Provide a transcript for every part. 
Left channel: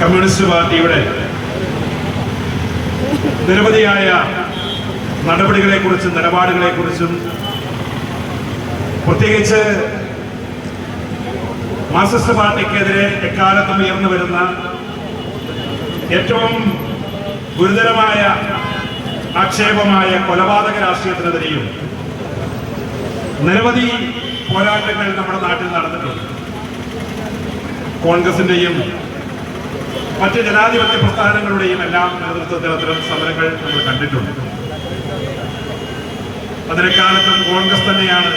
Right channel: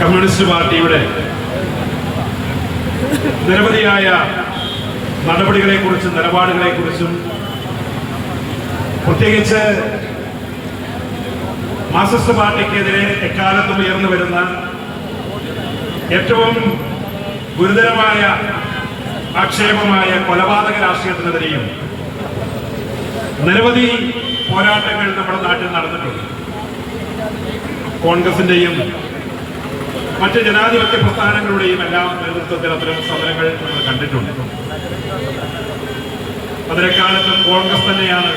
Communist പാർട്ടിയുടെ നിരവധിയായ നടപടികളെക്കുറിച്ചും നിലപാടുകളെക്കുറിച്ചും പ്രത്യേകിച്ച് മാർക്സിസ്റ്റ് പാർട്ടിക്കെതിരെ എക്കാലത്തും ഉയർന്നു വരുന്ന ഏറ്റവും ഗുരുതരമായ ആക്ഷേപമായ കൊലപാതക രാഷ്ട്രീയത്തിനെതിരെയും നിരവധി പോരാട്ടങ്ങൾ നമ്മുടെ നാട്ടിൽ നടന്നിട്ടുണ്ട്. കോൺഗ്രസിന്റെയും മറ്റ് ജനാധിപത്യ പ്രസ്ഥാനങ്ങളുടെയും എല്ലാം നേതൃത്വത്തിൽ അത്തരം സമരങ്ങൾ നമ്മൾ കണ്ടിട്ടുണ്ട്. അതിനെക്കാലത്തും കോൺഗ്രസ് തന്നെയാണ്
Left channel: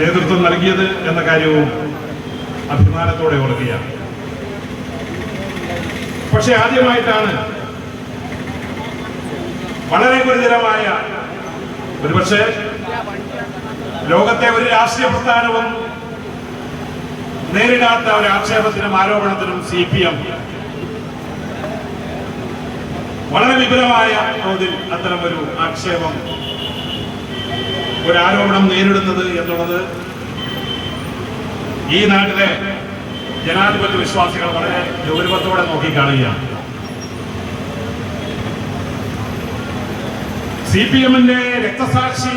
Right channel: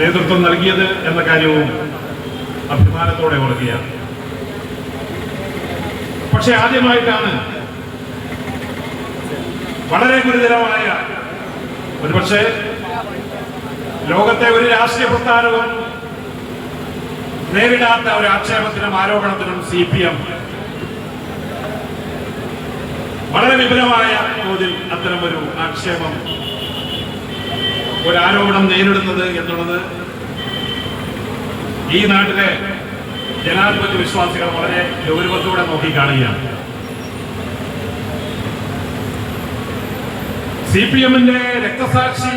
നേതൃത്വം നൽകിയത് എന്ന കാര്യവും അഭിമാനത്തോടെ ഓർക്കുകയാണ്. പക്ഷെ ആദ്യമായിട്ടാണ് വളരെ ഗുരുതരമായ, ഒരുപക്ഷെ ലോകത്തെ ഒരു രാഷ്ട്രീയ പ്രസ്ഥാനവും നേരിടാത്ത ഒരു ആക്ഷേപത്തിനും ആരോപണത്തിനും CPM വളരെ വിപുലമായ തോതിൽ അത്തരമൊരു ആക്ഷേപം, ഒരു ആരോപണം നേരിടുന്നത് എന്നുള്ളത് ഈ നാട്ടിലെ ജനാധിപത്യ വിശ്വാസികൾ വളരെ ഗൗരവത്തോടെ നോക്കിക്കാണുകയാണ്. CPMന്റെ രക്തസാക്ഷി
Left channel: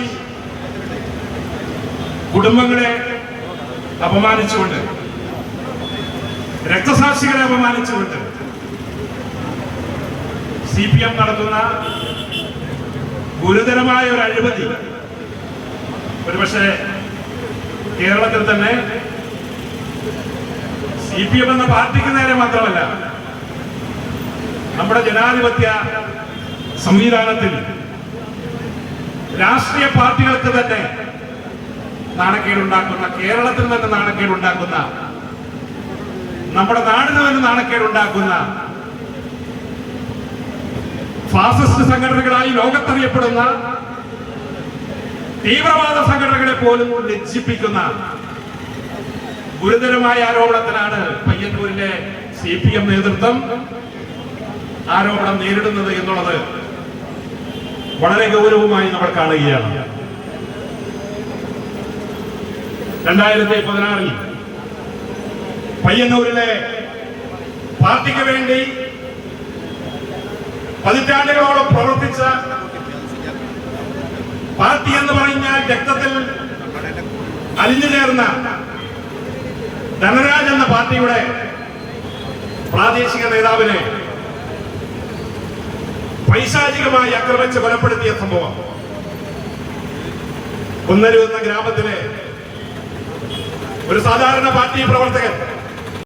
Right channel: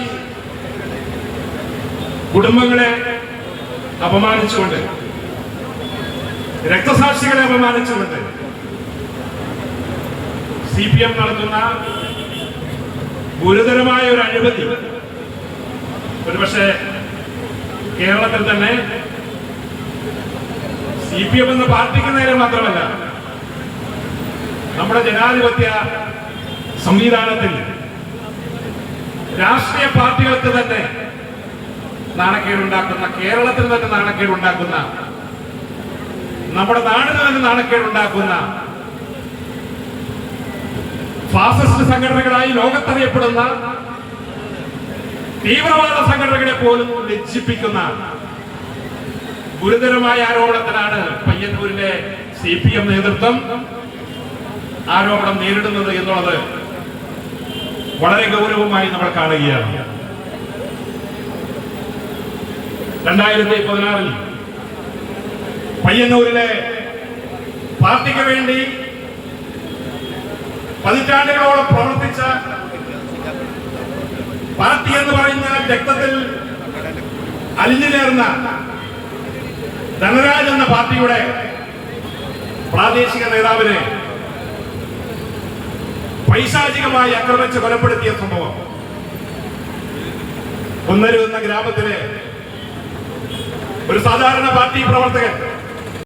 കുടുംബങ്ങളെ അപമാനിച്ചുകൊണ്ട്, രക്തസാക്ഷികളെ അപമാനിച്ചുകൊണ്ട് CPM നടത്തുന്ന ഗുരുതരമായ ഒരു അഴിമതി ഒരുപക്ഷെ കേരളത്തിൽ തന്നെ CPM എന്ന പാർട്ടിക്ക് നേരെ മാത്രമല്ല, നമ്മുടെ ജനാധിപത്യ സംവിധാനത്തിൽ രാഷ്ട്രീയ പാർട്ടികൾക്ക് തന്നെ നാണക്കേടുണ്ടാക്കുന്ന, കേരളത്തിൽ തന്നെ നാണക്കേടുണ്ടാക്കുന്ന, നമ്മുടെ നാടിന് തന്നെ നാണക്കേടുണ്ടാക്കുന്ന ഫാസിസ്റ്റ് സംഘടനകളായി ലോകത്തറിയപ്പെടുന്ന തീവ്രവാദ സംഘടനകളെ പോലും ലജ്ജിപ്പിക്കുന്ന ഗുരുതരമായ ആരോപണത്തിനാണ് പയ്യന്നൂരിലെ CPM നേതൃത്വം ആരോപണം നേരിടുന്നത് എന്നുള്ളത് വളരെ ഗൗരവമായി നമ്മൾ കാണുകയാണ്. 2016 പയ്യന്നൂരിലെ പാർട്ടിക്ക് വേണ്ടി പതിറ്റാണ്ടുകളോളം പ്രവർത്തിച്ച, പാർട്ടി എന്ന് പറഞ്ഞാൽ രക്തത്തിൽ അലിഞ്ഞു ചേർന്ന ധനരാജ് എന്ന പാർട്ടിയുടെ പ്രാദേശിക നേതാവിനെ പൈശാചികമായി ആക്രമിച്ച് കൊലപ്പെടുത്തിയ സംഭവം, ഒന്നരു എന്ന ഗ്രാമത്തിലെ ഒരു സാധാരണ പാർട്ടി പ്രവർത്തകൻ